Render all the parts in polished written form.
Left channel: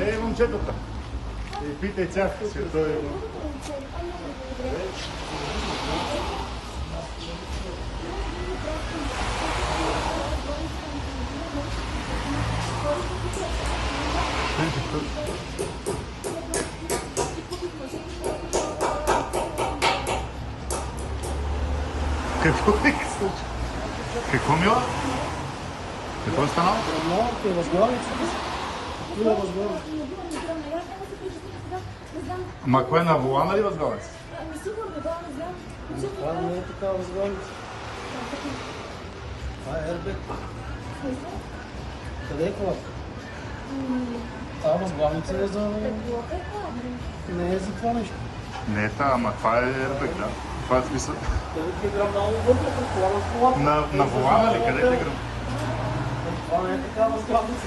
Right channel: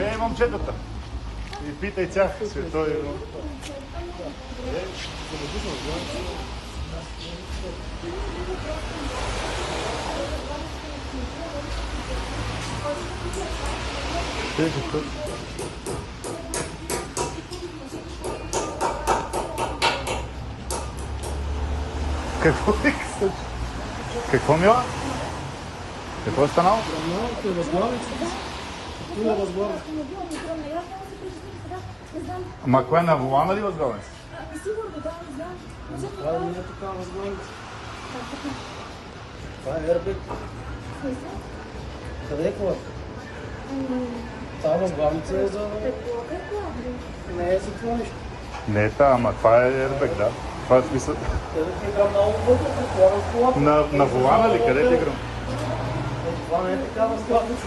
Не, момчетата. И питай тях, светове. Какво е? Какво мила? Какво е станало? Ма кое на волана ли възглавност? Това не е такава възглавност. Това е ербек. Това е колата. Това възглавница е за... Не е за това нещо. Не е та, ама това е ербек, да. Това е смисъл. На волана ли? Къде те гръм? Това не е такава възглавница.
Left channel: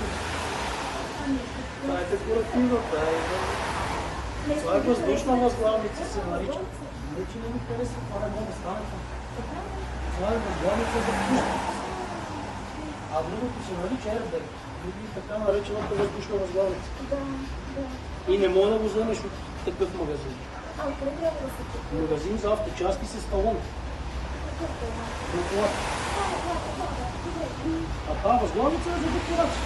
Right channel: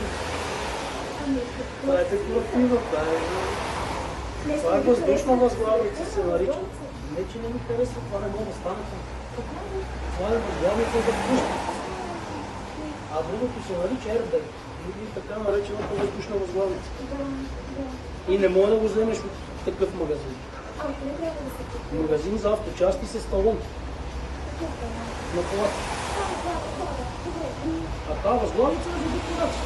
Това е декоративна. Това е въздушна възглавница, се нарича. Не, че не ми харесва, това не може да стане там. Това е възглавница за пушка. А другото се нарича ербек. Или така наречената въздушна възглавница. И не мога да го вземеш от такъв магазин. Магазин за авточасти с талон. А това възглавница е за декорация.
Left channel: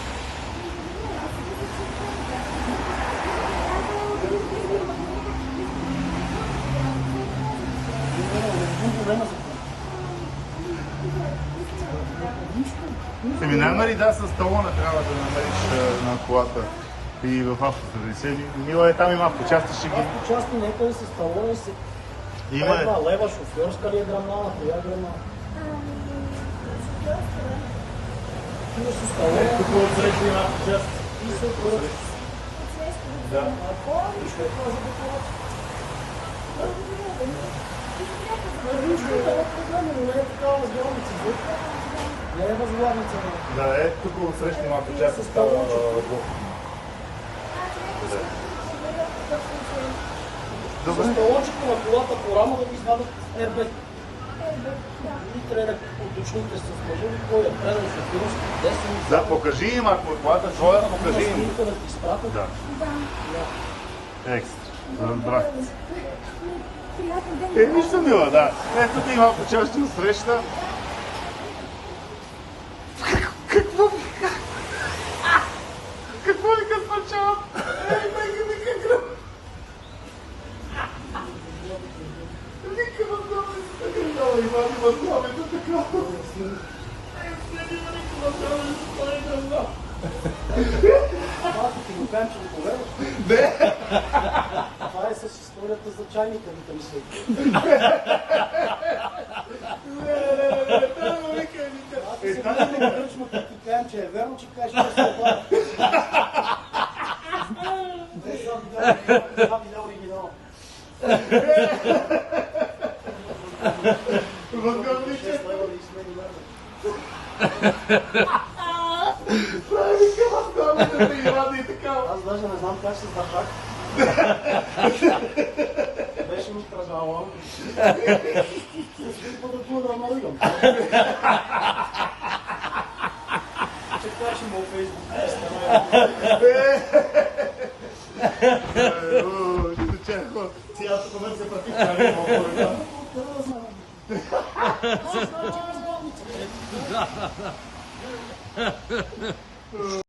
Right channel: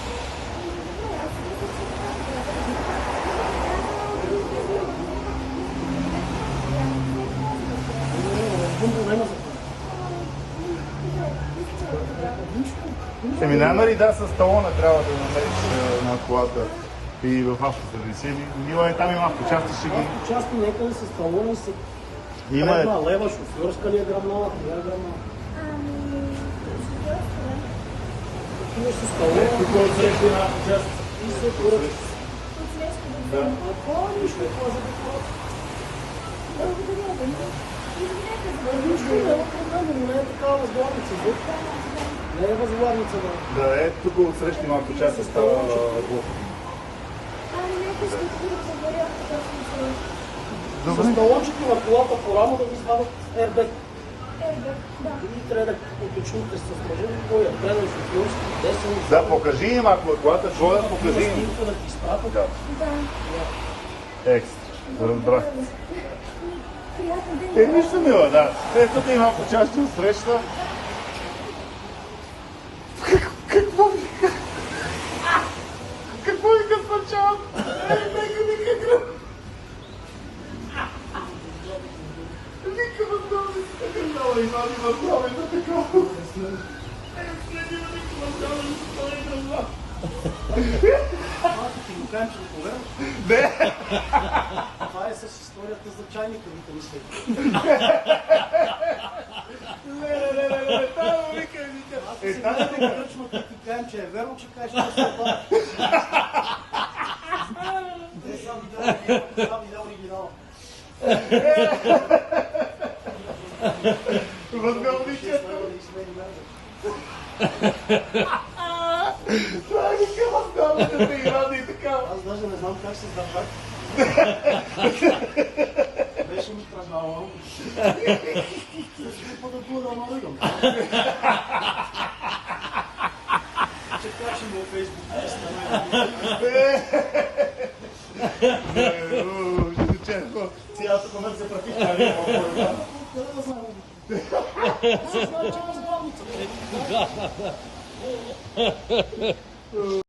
Еми няма ли да с талона трябва да намериш на колата и в автосервисе? Мила е там има авточасти, ще ги... Части нека ли с талона и се... Има е... Лева, шофьорска ли е грамала, коя грамала? Какво отлеки на авточасти? Да, е, тук отсреща малко част става глупо. Добре. Наложите на колата по-рано да го извадят ербек. Трябва да уточните с служители, кой е предал шофьорски, десен... Да, покажи им, ако е колата твоя, покажи им. Да. Екс, разбрах. Нищо мила, да. Ето да има почасти от среща. Какво вика? Какво вика спърчава? Вика възглавница. Дава имам възглавница такова. Това ти го кажем, че не повярваш. Не! Това е с историята за чайника, ви там след. Не, там вика, вика. Аз ти кръчмата ти кажем, че е верно, че кажеш, че се това. Това видео оригинал. Възглавника. Това е вика възглавницата и рада и така. Аз даже не знам как се запак. Беше ми страдала. Ще по да намалигам. Че качим във Фейсбук. Цялата комерция практика. Да.